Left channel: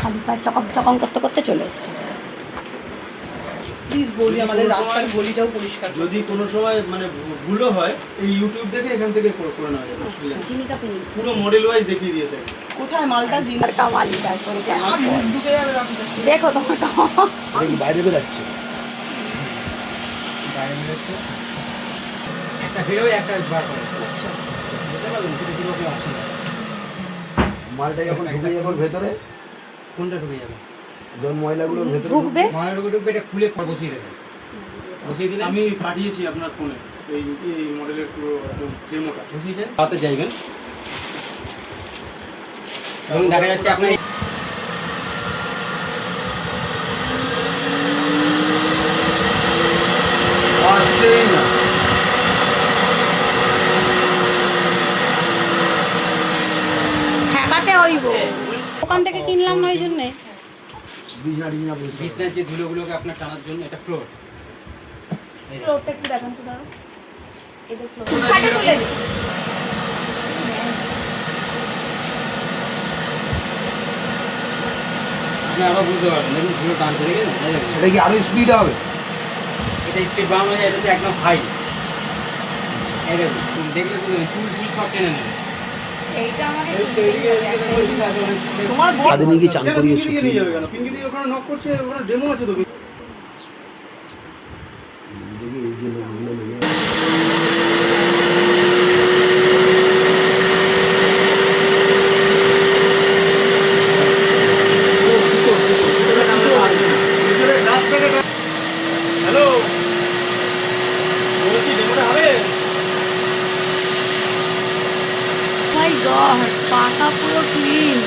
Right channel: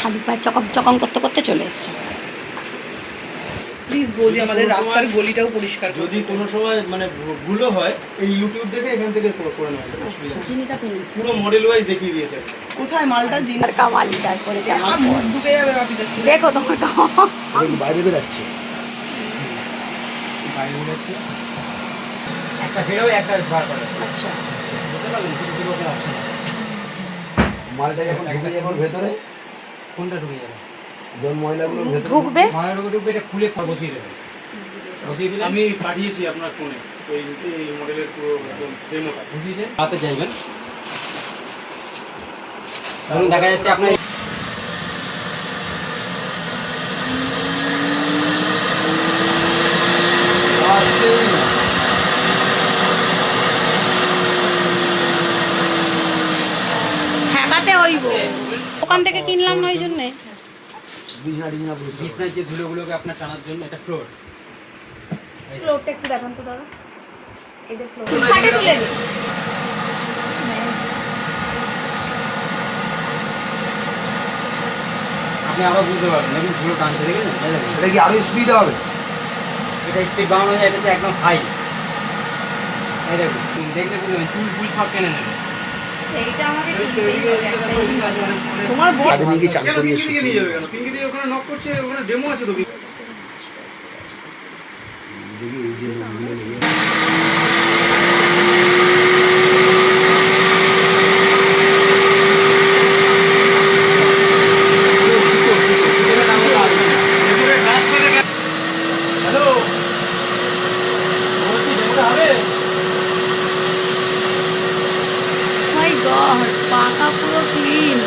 খালি পায়ে চকম চকম করতে করতে চলে এসছে। প্লিজ বৌদি আমাদের রাস্তার গলিটাও পরিষ্কার। যদি কোনো সময় মানে ভুলও হয় এই ইউটিউব দেখে এখান থেকে করে নেওয়া যাবে। আচ্ছা পুরো মডেল ওয়াইজ দেখিয়ে দিয়েছে। কোথায় মালটা আর কামালি তারপরে জামার পর ঢুকে যাবে না। দেখো তোমার বাইরে বেরাচ্ছে একটা বেরো একটা বার করে। আচ্ছা বুঝতে পারলেন পুরো আছে। মালটা যখন ঢুকে যাবে ভেতরে, কোনটা ঢুকে যাবে? যখন ময়লাগুলো ভেতরে ঢুকবে ময়লাগুলো ঢুকবে, এটা খুলে বসিয়ে দেবে। বসিয়ে দিলে আমি পাঠিয়েছি আপনার ফোনে এই মডেলের পুরো ডেমোটা। বুঝিয়েছে হাতে যাইবেন। ধরুন দেখা যাচ্ছে আপনার ঠেকাতে হইব। দোকান থেকে কিনলাম না ওই জন্যে। বিছনার যে ধুলোগুলোকে আপনার টানার জন্য এটা ফ্লোর। ফ্লোরটা একটু দেখান তো দাদা। এটা ফ্লোর। আপনি আবার বুঝতে পারবেন দেখুন ধুলো টানতে দেখেন। এটা কি আরো স্পিড হবে? এটা স্পিড বাড়ানো যায়, এটা তো একদম হাই। এই দেখুন দেখলে চুল সব টেনে নেবে। তোমার ছাদে নিয়ে গিয়ে চান করিয়ে শুকিয়ে পিঙ্কি দিয়ে ওখানে নক করছে, ওখানে ডেমো আছে তো। দেখি এই যে ওগুলো নিয়ে হ্যালো, বলছি ডেমোটা হবে? মাই গড, পাকা পুরো ক্লিন।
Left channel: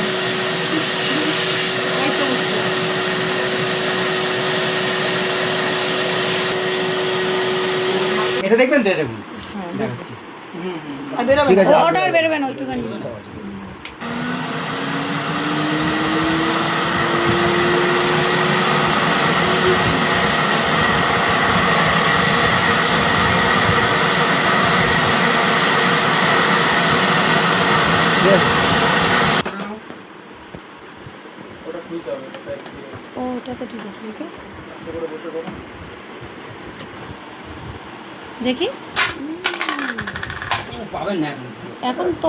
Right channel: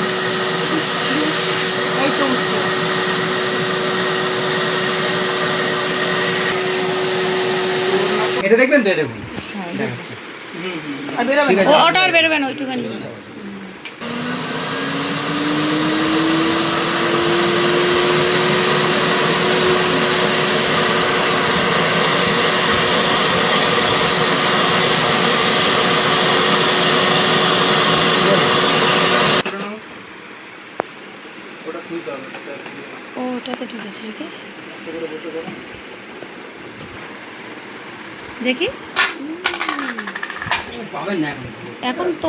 এই তো হচ্ছে। এটা দেখবেন তো, দেখুন দেখাচ্ছি। আর বেরোবে ঠিক আছে। ওটা আর বেরোবে না ওইটুখানি। ওটা খুলতে হবে। ও ওটা তো ঠিক আছে নাকি? দেখি পাবেন না এখন। এখন তো